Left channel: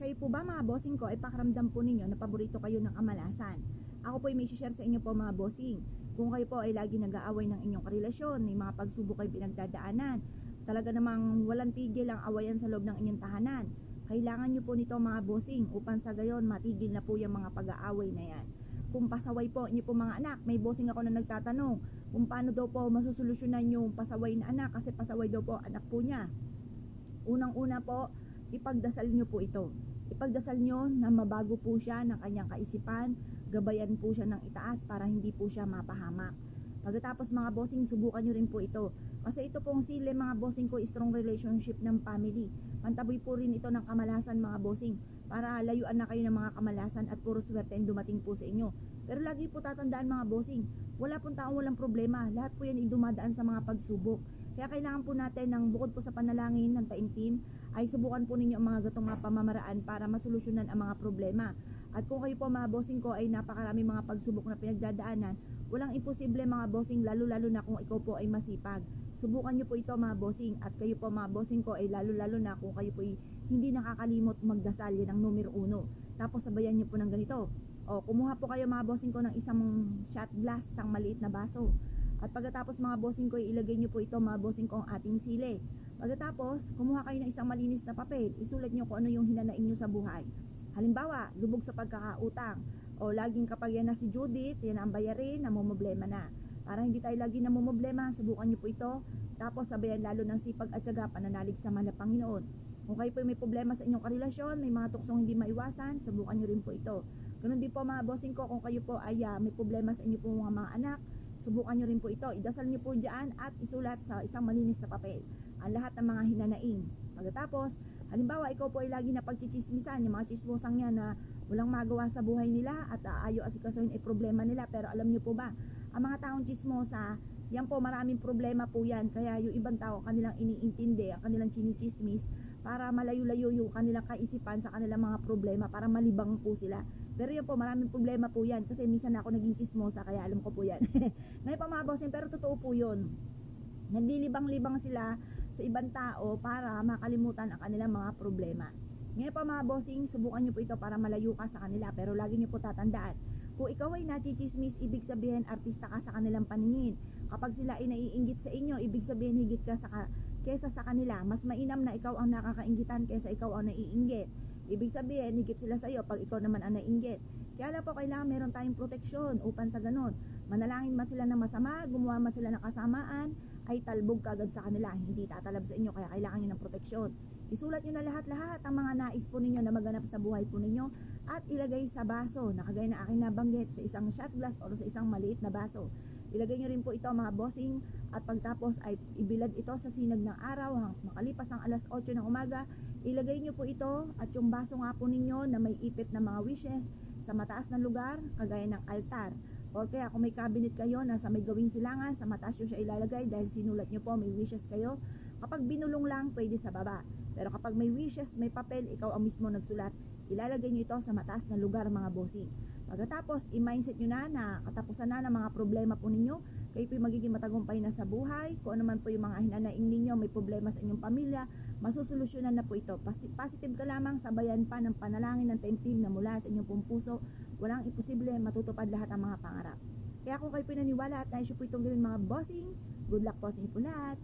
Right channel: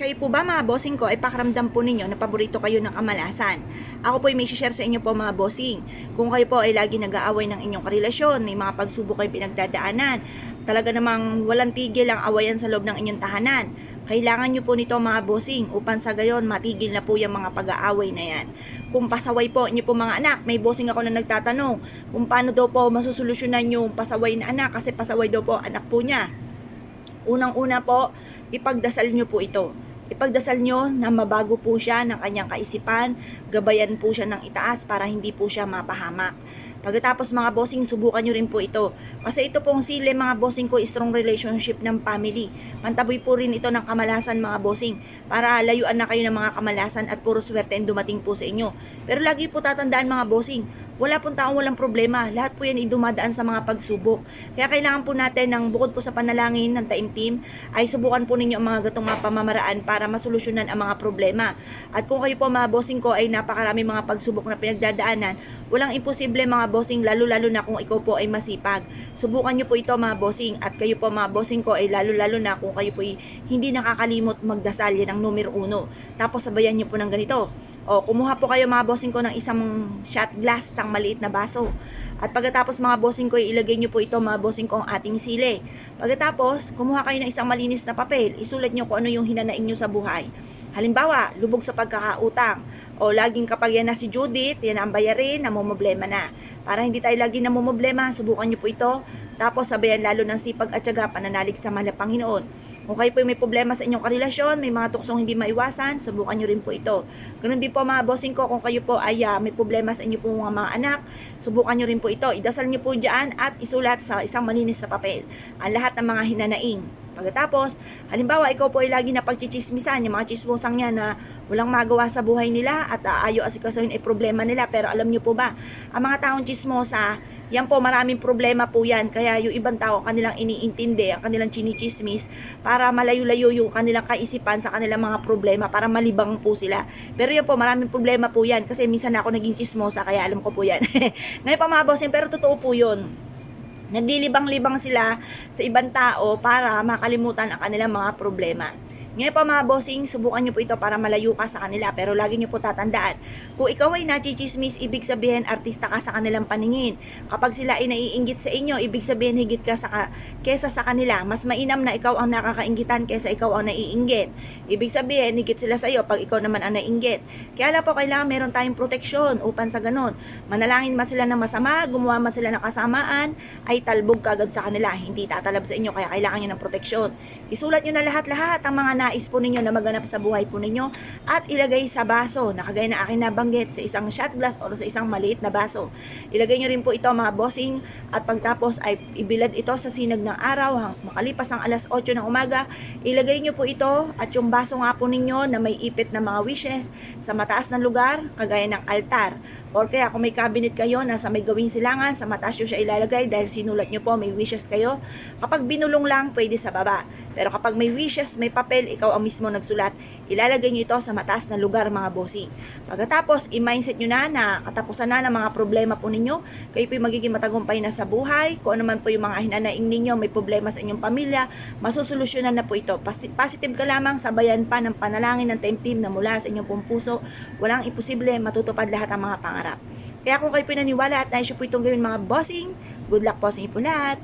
Kayo po ba mga bossing ko ay pakiramdam po ninyo na paborito kayo ng kamalasan? Ako po ay may share sa inyo po mga bossing. Kung kayo po ay lagi nag-aaway ng inyong karelasyon, may mga pagsubok kayo pinagdadaanan, talaga namang walang tigil ang awayan sa loob ng inyong tahanan. Kailangan nyo po nito mga bossing upang sa gayon matigil na po yung mga pag-aaway na yan. Kung pasaway po nyo po mga anak, may bossing ako na nagtatanong kung paano daw po masusolusyonan yung pasaway na anak kasi pasaway daw po anak po niya. Unang-una po, ipagdasal nyo po ito. Ipagdasal nyo na mabago po siya ng kanyang kaisipan, gabayan po siya ng itaas para hindi po siya mapahamak. Pagkatapos mga bossing, subukan nyo rin po ito. Kasi ito pong sile mga bossing ko, strong relationship ng family. Mantaboy po rin ito ng kamalasan mga bossing para layuan na kayo ng mga kamalasan at puro swerte ang dumating po sa inyo. Pero lagi po tatandaan mga bossing, wala pong taong walang problema. Lahat po yan ay dumadaan sa mga pagsubok. Kaya kailangan po natin ng bukod po sa panalangin ng taimtim, ay subukan po ninyo ang mga gatong mga pamamaraan para masolusyonan ang mga problema. At kung kayo po mga bossing ko ay napakarami mga pagsubok na pinagdadaanan, walang imposible mga bossing, lalo-lalo na kung ikaw po ay masipag. Subukan nyo po ito mga bossing, at kayo po mga bossing ko ay lalo-lalo na kung kayo po ay hindi nakakalimot magdasal, yan ang numero 1. Tapos sabayan nyo po ng ganito. O, kumuha po kayo mga bossing ko ng isang shot glass, isang maliit na baso. At pagkatapos mga bossing ko, ilagay nyo po ito mga bossing ko ang ating sili. Pagkatapos, kumuha kayo ng isang malinis na papel, isulat nyo kung ano yung hinanaing nyo sa buhay. Halimbawa, lubog sa pagkakautang. O laging kapag yan na si Judith, yan ang bayarin, namumblema na. Para hindi tayo lagi namumblema, subukan nyo po ito. Tapos sabayan lalo ng sipag at syaga, pananalig sa mahal na Panginoon. Kung kayo po may problema sa inyong karelasyon, may mga tuksong hindi maiwasan, subukan nyo rin po ito. Ganun din po mga bossing ko, kung kayo po ay may problema sa inyo po mga anak, subukan nyo rin po ito. Idasal nyo po dyan at isulat sa isang malinis na papel ang lahat ng mga hinanaing. Pagkatapos, halimbawa ikaw po ay lagi na pagchichismisan, yung mga chismosang niya na walang magawa sa buhay nila at ayaw asikasuhin ay problema nila. Pero alam nyo po ba, ang mga taong chismosa, yan po maraming problema po yan. Kaya yung ibang tao kanilang iniintindi, ang kanilang chinichismis para malayo-layo yung kanilang kaisipan sa kanilang mga problema, para malibang po sila. Pero yan po, maraming problema po yan kasi minsan ako naging chismosa kaya alam ko po yan. Ngayon pa mga bossing, pero totoo po yun. Naglilibang-libang sila sa ibang tao para makalimutan ang kanilang mga problema. Ngayon pa mga bossing, subukan nyo po ito para malayo ka sa kanila. Pero lagi nyo po tatandaan, kung ikaw ay nachichismis, ibig sabihin artista ka sa kanilang paningin. Kapag sila ay naiinggit sa inyo, ibig sabihin higit ka kesa sa kanila. Mas mainam na ikaw ang nakakainggitan kesa ikaw ang naiinggit. Ibig sabihin, higit sila sa iyo pag ikaw naman ang naiinggit. Kaya lang po, kailangan meron tayong proteksyon upang sa ganun. Manalangin man sila ng masama, gumawa man sila ng kasamaan, ay talbog kagad sa kanila. Hindi tatalab sa inyo, kaya kailangan nyo ng proteksyon. Isulat nyo na lahat-lahat ang mga nais po ninyo na maganap sa buhay po ninyo at ilagay sa baso na kagaya na akin nabanggit, sa isang shot glass o sa isang maliit na baso. Ilagay nyo rin po ito mga bossing, at pagtapos ay ibilad ito sa sinag ng araw makalipas ang alas 8 ng umaga. Ilagay nyo po ito at yung baso nga po ninyo na may ipit na mga wishes sa mataas na lugar kagaya ng altar. Or kaya kung may cabinet kayo na sa may gawing silangan, sa mataas nyo siya ilalagay dahil sinulat nyo po, may wishes kayo. Kapag binulong lang, pwede sa baba. Pero kapag may wishes, may papel, ikaw ang mismo nagsulat, ilalagay nyo ito sa mataas na lugar mga bossing. Pagkatapos, i-mindset nyo na katapusan na ng mga problema po ninyo. Kayo po yung magiging matagumpay na sa buhay. Kung ano man po yung mga hinanaing ninyo, may problema sa inyong pamilya, masusolusyonan na po ito. Positive ka lamang, sabayan pa ng panalangin ng taimtim na mula sa inyong pong puso. Walang imposible, matutupad lahat ang mga pangarap. Kaya kung kayo pinaniwala at nais po itong gawin mga bossing, good luck po sa inyo po lahat.